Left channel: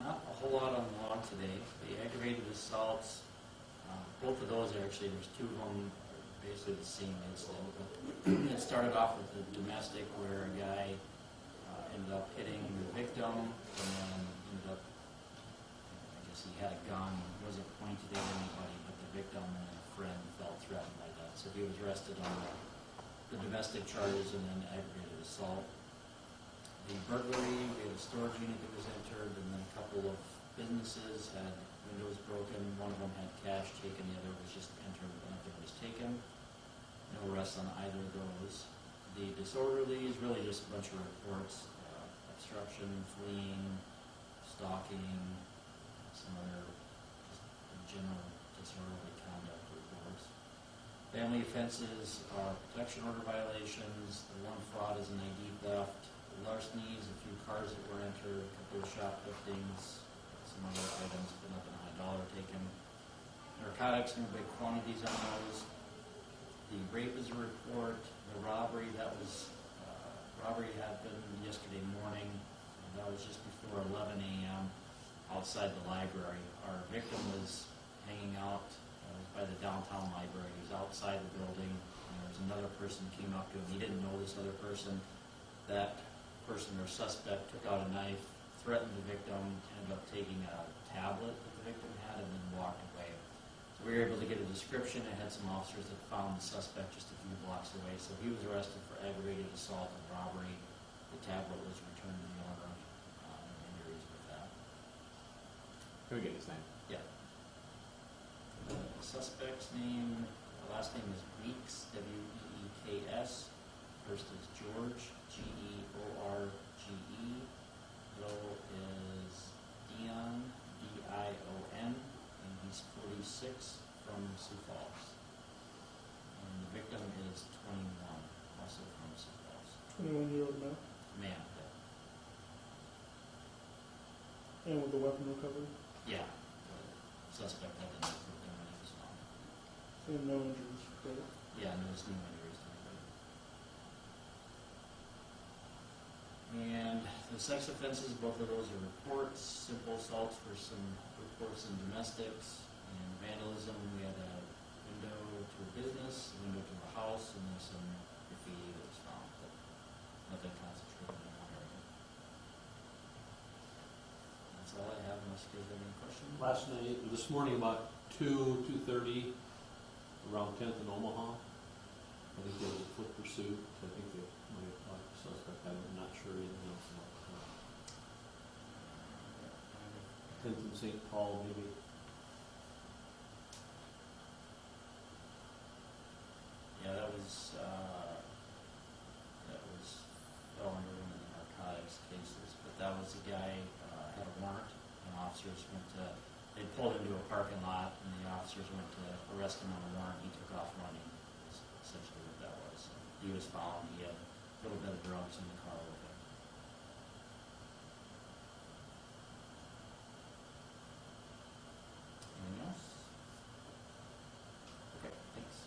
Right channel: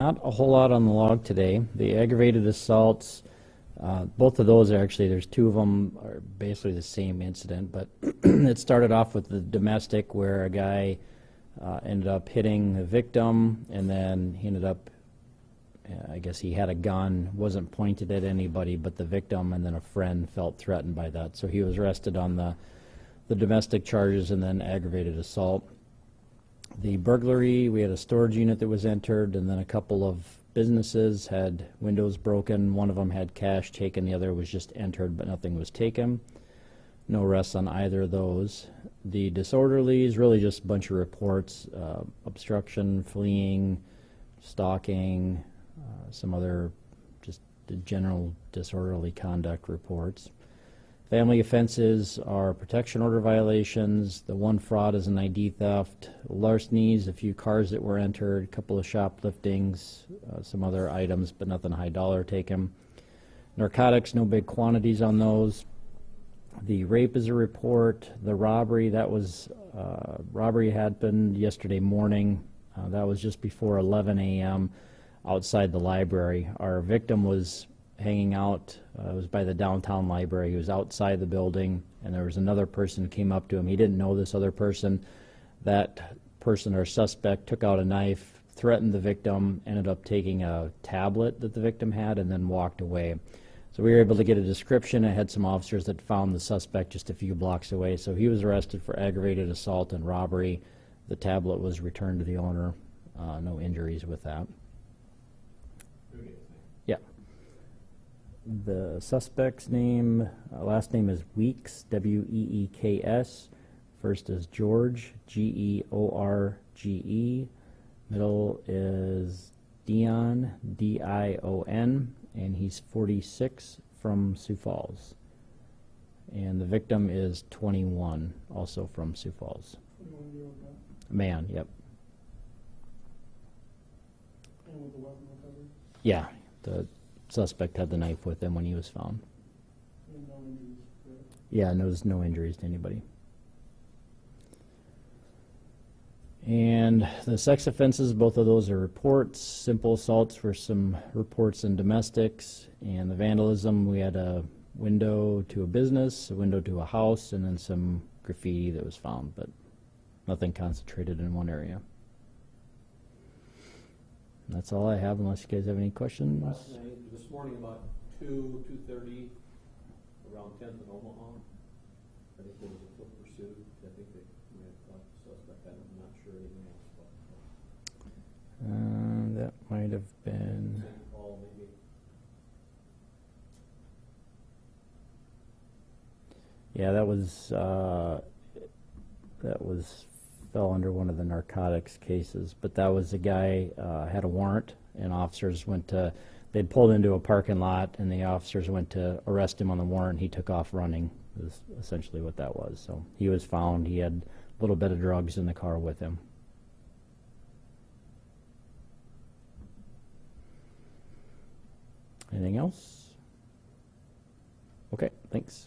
Not a whole lot on the log today. The aggravated assaults, both of those are actually, there's two of them are basically the same incident, but it started off with the domestic where a guy ended up hitting the victim, and then he ended up, I guess he had a gun, wasn't pointed at anybody but the victim, and then a friend felt threatened by that. So he was arrested on the domestic charges and then aggravated assault. The burglary, we had a storage unit that was entered, and then a couple of businesses had windows broken. One of them had cash taken, the other was just entered, but nothing was taken. No arrests on either of those. The disorderlies, really just a bunch of reports, obstruction, fleeing, stalking, some other just the general disorderly conduct reports. Family offenses are protection order violations. The one fraud is an ID theft. Larcenies, a few cars that were entered, a couple of shopliftings, some other items, but nothing high dollar taken. Narcotics, no big quantities on those. The rape is a report. The robbery, that was, robbery happened yesterday morning. That was just before 11 a.m. outside the library. Our victim was hanging out. It was by the downtown library. He was outside the building, and there was another person came up to him. He didn't know this other person. That person or suspect took out a knife, threatened the victim, ended up taking a tablet that the victim had, and then walked away. So we were able to get a description. I had some officers that found the suspect just a few blocks away. So he was arrested for aggravated assault and robbery. The tablet was returned to the owner. No injuries with that. Can we get his name? Yeah. The suspect's name, last name is Weeks, W-E-E-K-S. First is George, G-E-O-R-G-E. Middle is Dion, D-I-O-N, and he's 46 from Sioux Falls. And the victim is 21, also from Sioux Falls. 21-year-old Man, yep. and with the weapon recovered, Yeah, the suspect had the knife with him when he was found. and no injuries. Correct? Yeah, and there was no injuries to anybody. And the sex offenses, both of those are reports. Simple assaults for some reports in domestics. And the vandalism, we had a window to a business, a window to a house, and then some graffiti that was found, but nothing concentrated in one area. And that's all I have, unless you guys have any questions. Last night, this morning about 2:30, around 10th in Omaha, I think there was a foot pursuit. I think they might have caught the suspect. I'm not sure anything else about That might have that. I think been... St. Paul, maybe. Yeah, that was fell under one of the narcotics cases, but that was the guy had a warrant, and officers went to, they'd pulled into a parking lot, and the officers went to arrest him on the warrant. He took off running, is essentially what that was. So he was found. He had a little bit of drugs in the car with him. Anything else? Okay, thanks.